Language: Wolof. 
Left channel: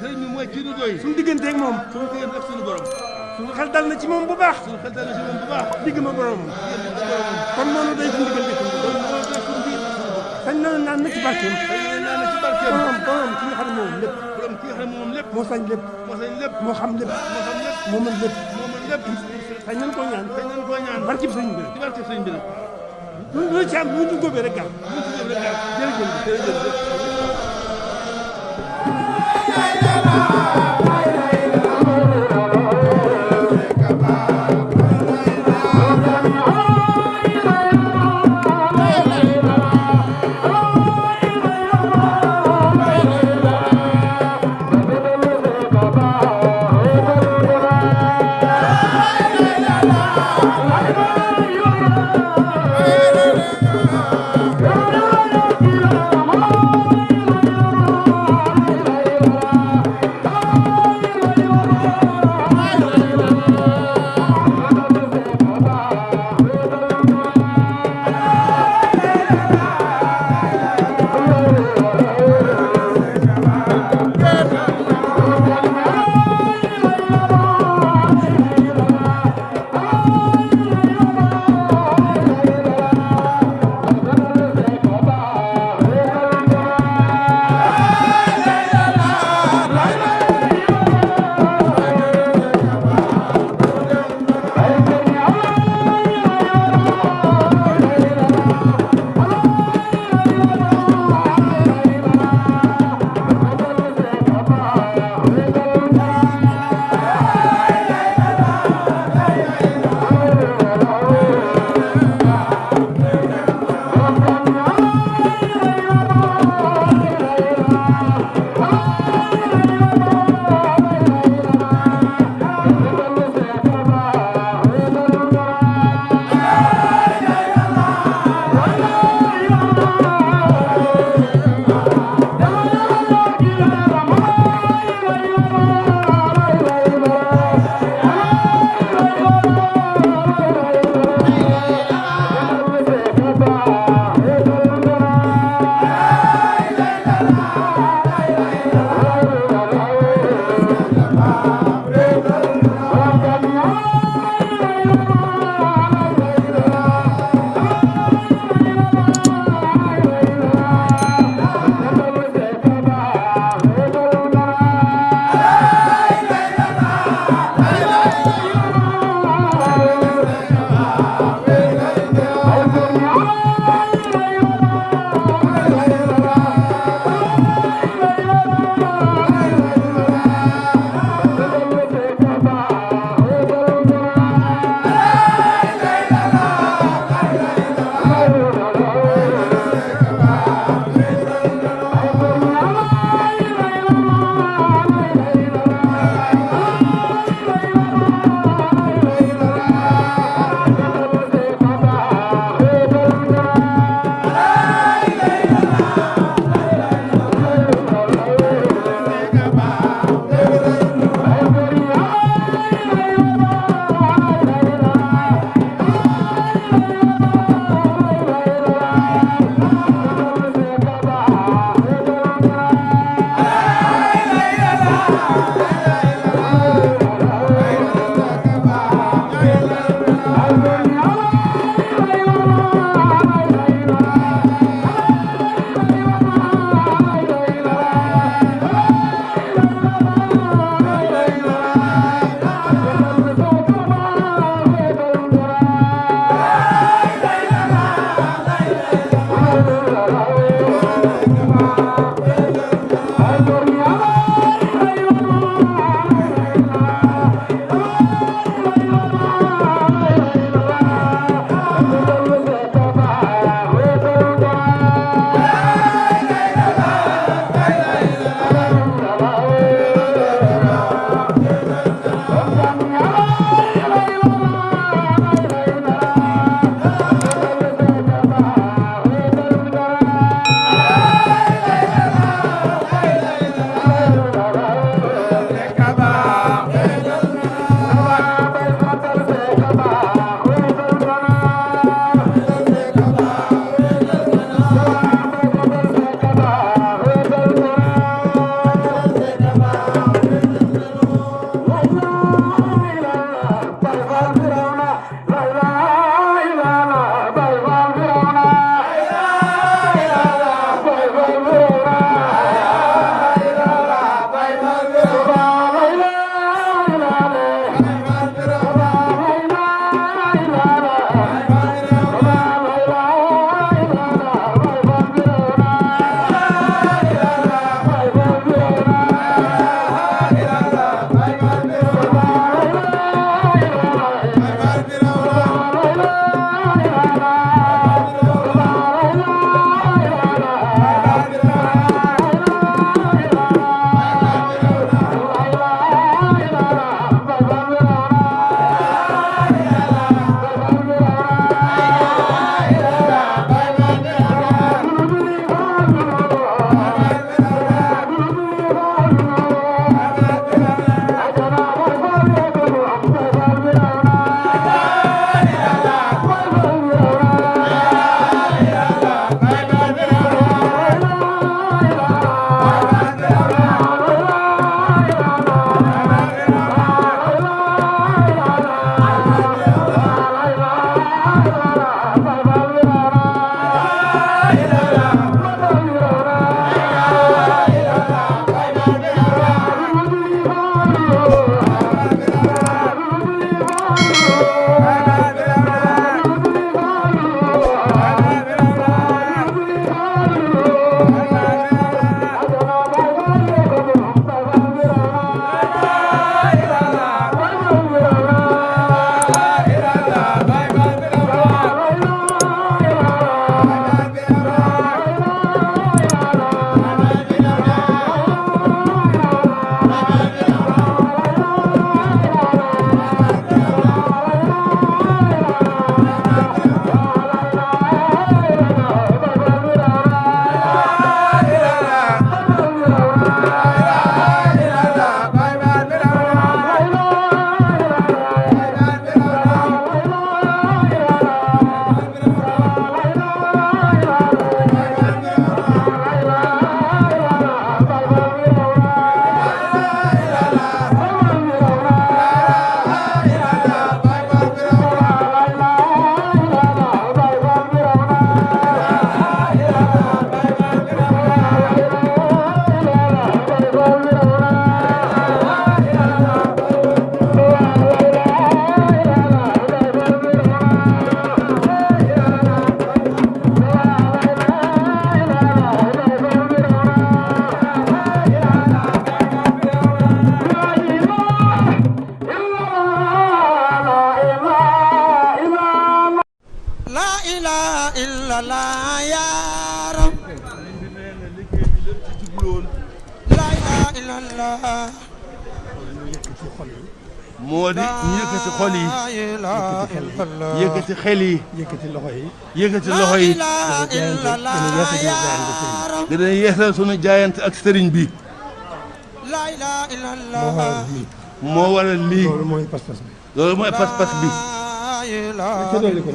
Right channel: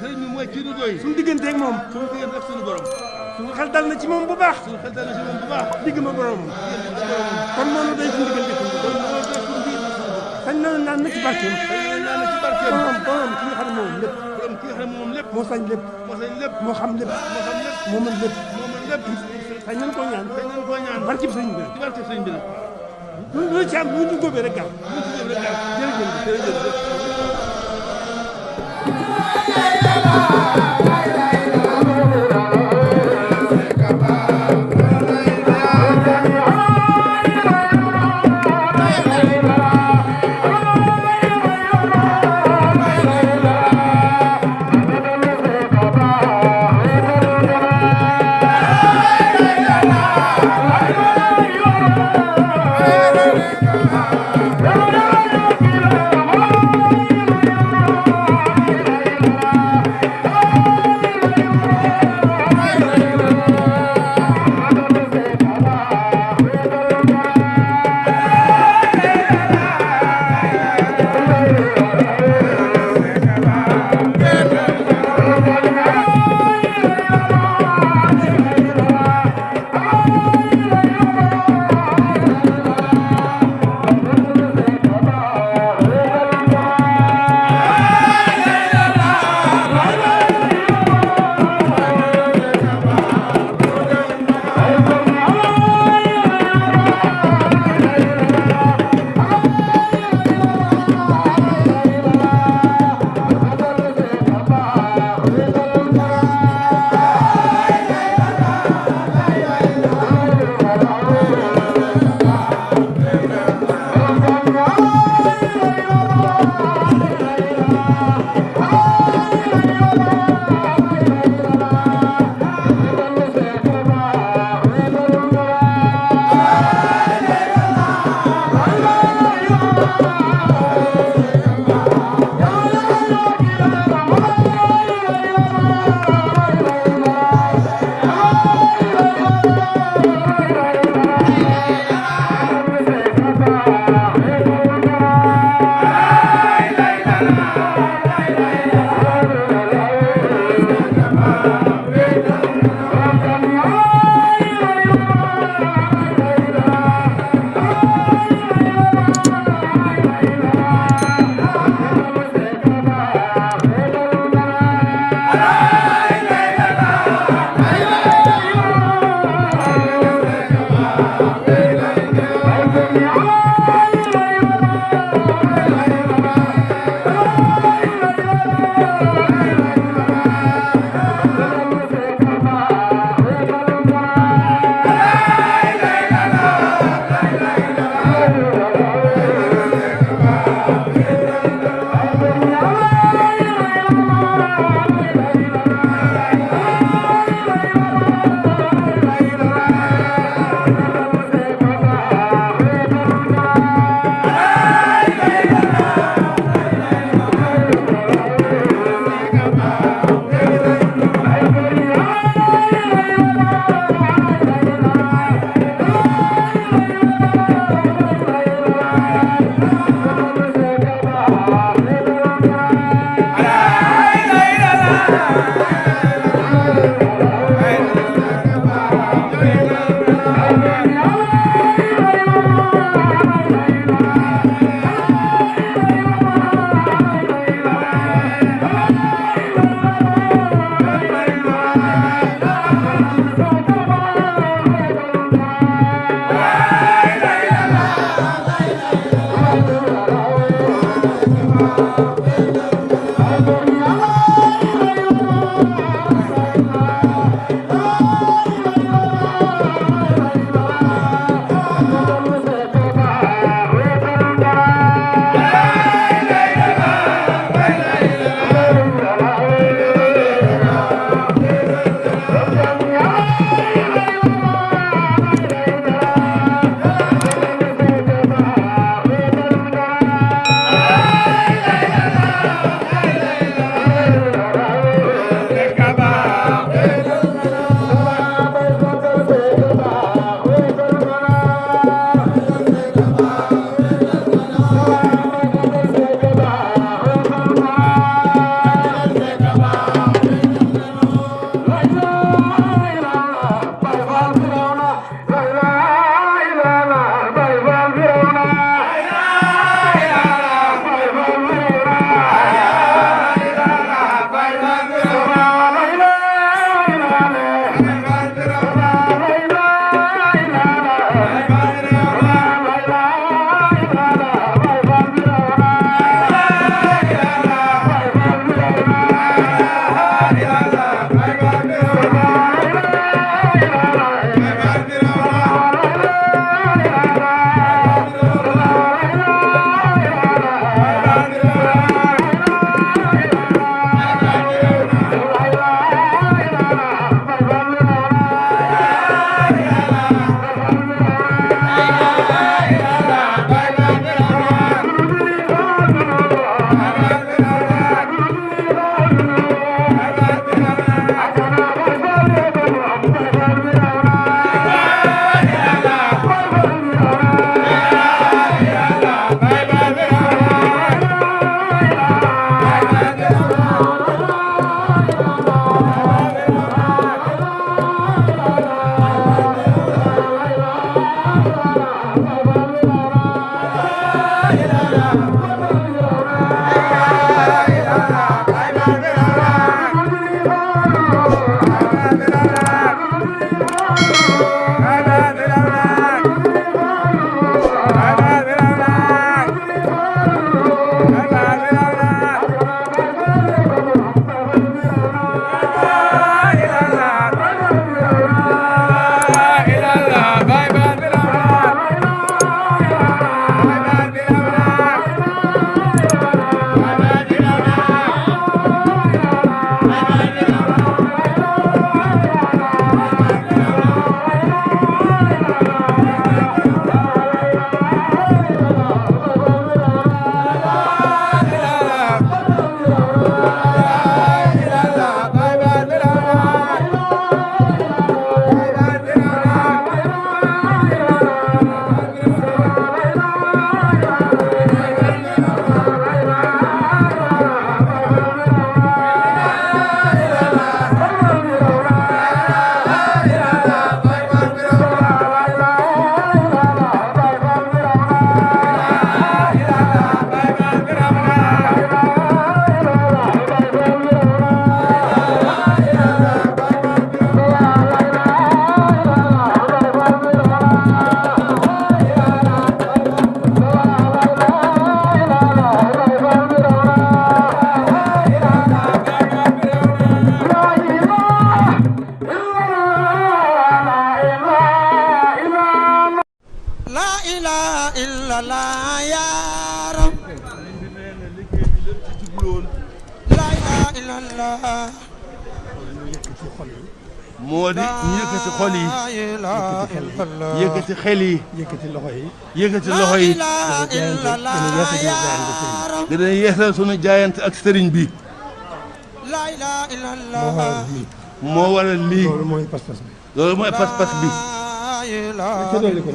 sëriñ bi mooy kii nu doy. suñu digganteeg moom. suñu diggante ak suñu borom. suñu xel dal na ci moom bu baax. suñu xel dal na ci moom bu baax. digg ma boromam. kon noonu day suñu diggante suñu borom. sañ na naan na ci barkeem. naan na ci barkeem. borom ki nga xam ne moom lépp. borom ki nga xam ne moom lépp. moo sañ lépp. moo sañ lépp. moo xam lépp. moo xam lépp. moo mën lépp. moo mën lépp. sañ nañ koo ñaan. sañ nañ koo ñaan. barkeb sëñ bi. ci barkeb sëñ bi la. lu ci am lu ñu góobee rek gaaw. lu ci góobee rek gaaw. jërëjëf jërëjëf. illallah ya rab la ilaha illallah moo di ñu yëkkati xol yi yëkkati xel yi yëkkati loxo yi yëkkati loxo yi gën a yeesal sunu jaayante ak sëriñ bi moo waral lii loolu mooy pas-pas bi loolu mooy pas-pas bi ca dolli ko